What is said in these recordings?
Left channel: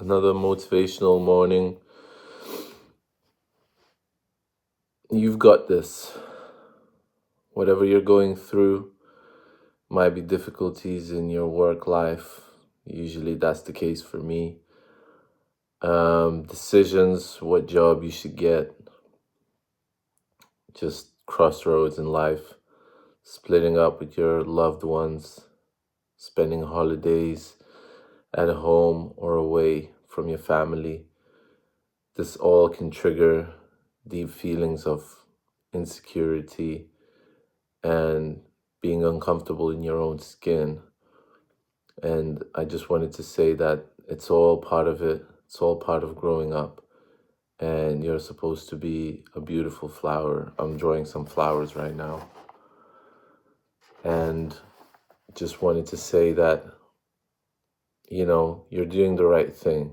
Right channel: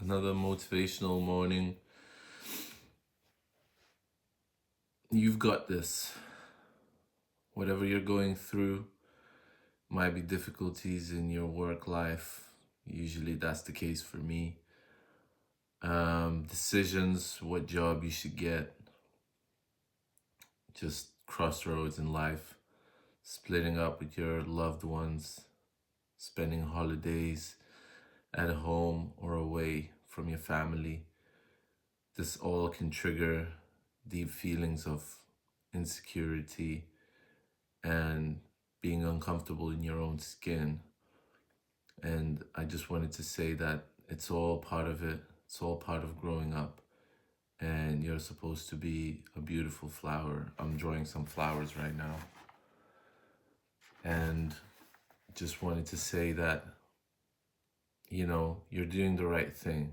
Another motivational morning. You've got this. Whatever you're going through, might be difficulties in your work life. Usually that's the case for me. Decisions, what job you should get, just crossroads in life, splitting up with your loved ones, spending holidays at home or away from your family. This all can trigger deep feelings of insecurity and being uncomfortable in your own skin. And I just wanted to say that it's all part of it. It's all part of growing up. And you're supposed to be a beautiful flower. I'm drawing some flowers right now. And just wanted to say that, you're doing the right thing.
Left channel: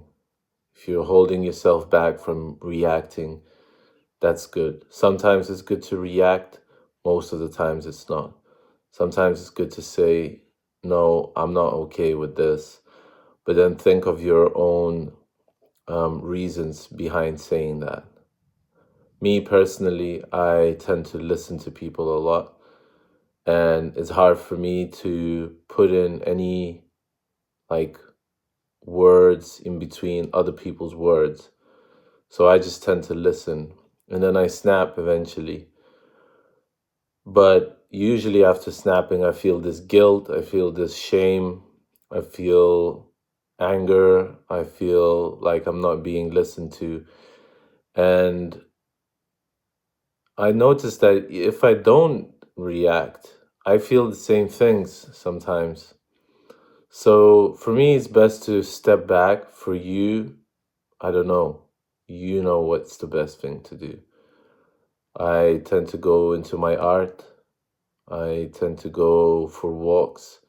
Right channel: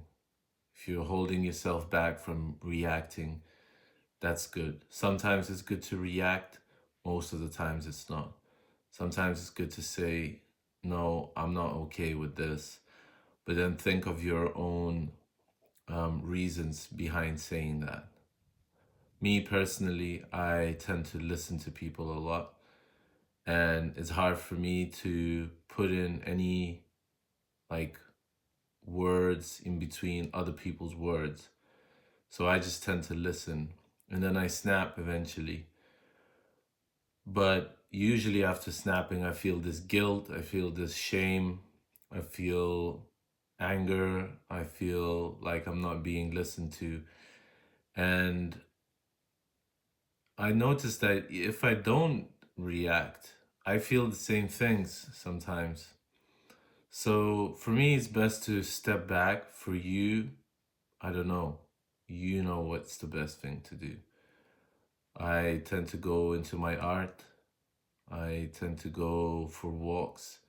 If you're holding yourself back from reacting, that's good. Sometimes it's good to react. Most of the times it's not. Sometimes it's good to say, no, I'm not okay with this. But then think of your own reasons behind saying that. Me personally, I tend to listen to people a lot. And it's hard for me to put in any like words in between other people's words. So I just tend to listen. And then I snap eventually. But usually after snapping, I feel this guilt, I feel this shame, I feel anger, I feel like I'm not being listened to. And I notice that if I don't react, I feel the same things sometimes. So for me, it's best to step back. For you, I don't know. You know what's the best thing to do. I tend to go into my art. I tend to go for walks.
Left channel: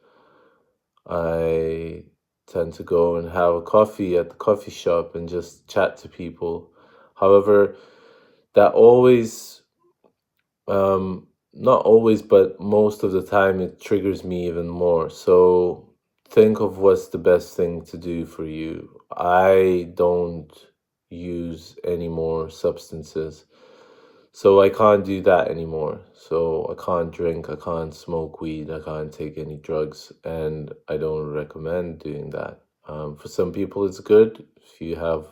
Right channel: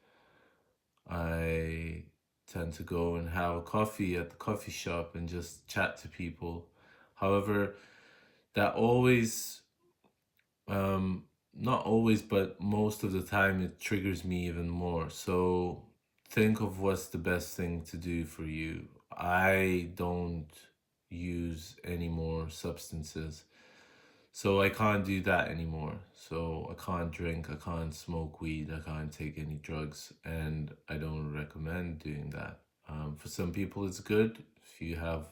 I tend to go and have a coffee at the coffee shop and just chat to people. However, that always, not always, but most of the time, it triggers me even more. So think of what's the best thing to do for you. I don't use any more substances. So I can't do that anymore. So I can't drink, I can't smoke weed, I can't take any drugs, and I don't recommend doing that. For some people, it's good if you have,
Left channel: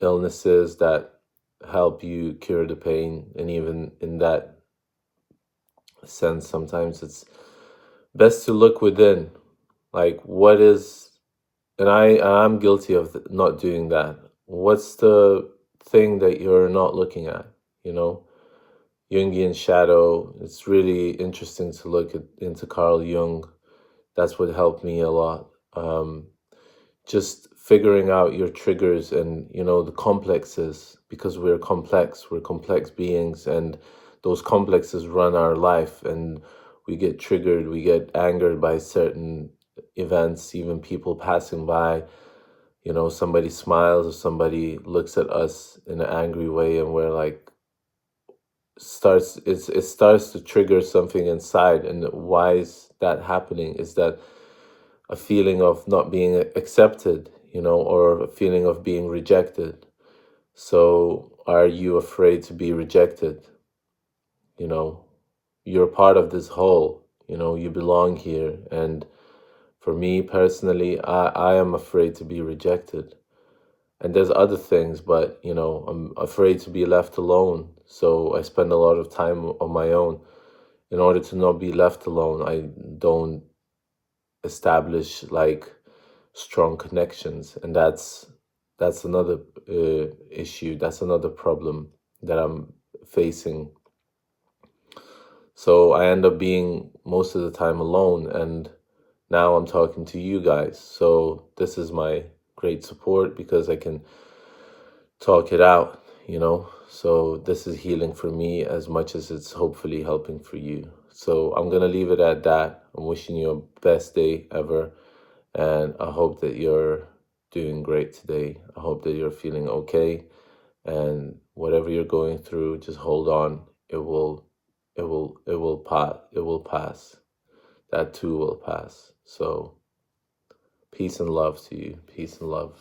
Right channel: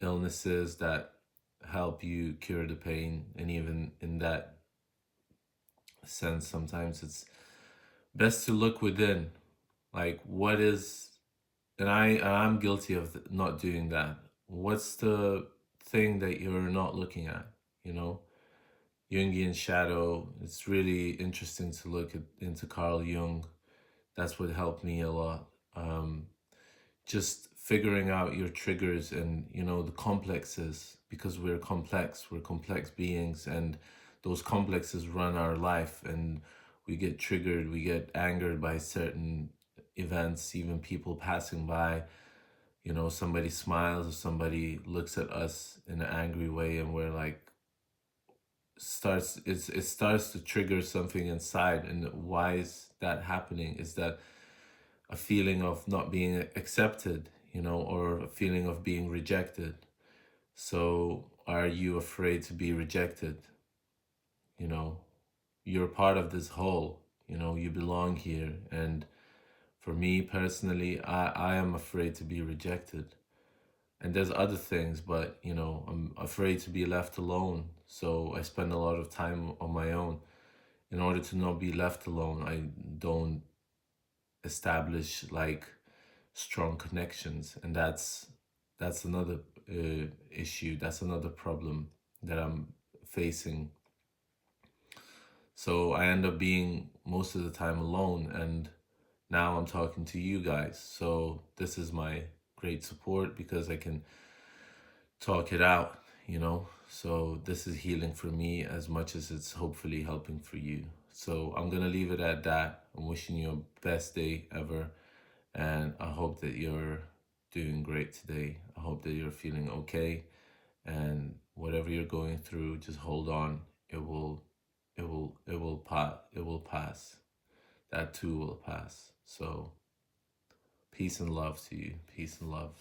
illnesses that help you cure the pain, and even in that sense, sometimes it's best to look within, like what is, and I'm guilty of not doing that. What's the thing that you're not looking at? You know, Jungian shadow. It's really interesting to look into Carl Jung. That's what helped me a lot. Just figuring out your triggers and, the complexes, because we're complex beings, and those complexes run our life, and we get triggered, we get angered by certain events, even people passing by. Somebody smiles or somebody looks at us in an angry way, and we're like, it starts to trigger something inside. And why is that happening? Is that a feeling of not being accepted, or a feeling of being rejected? So are you afraid to be rejected? you know you're part of this whole, you belong here. And for me personally, I am afraid to be rejected. And there's other things, but I'm afraid to be left alone. So I spend a lot of time on my own. In order to not be left alone, I don't establish like strong connections. And that's another issue. That's another problem that I'm facing. So I end up being most of the time alone. And now I'm talking to you guys. So this is my great support, because I can talk it out. So this is healing for me as much as it's hopefully helping for you. So I'm going to leave it at that. I'm wishing you a best day ever. And I hope that you're doing great today. I hope that you're feeling okay. And whatever you're going through, just hold on. It will pass. That too will pass. So peace and love to you. Peace and love.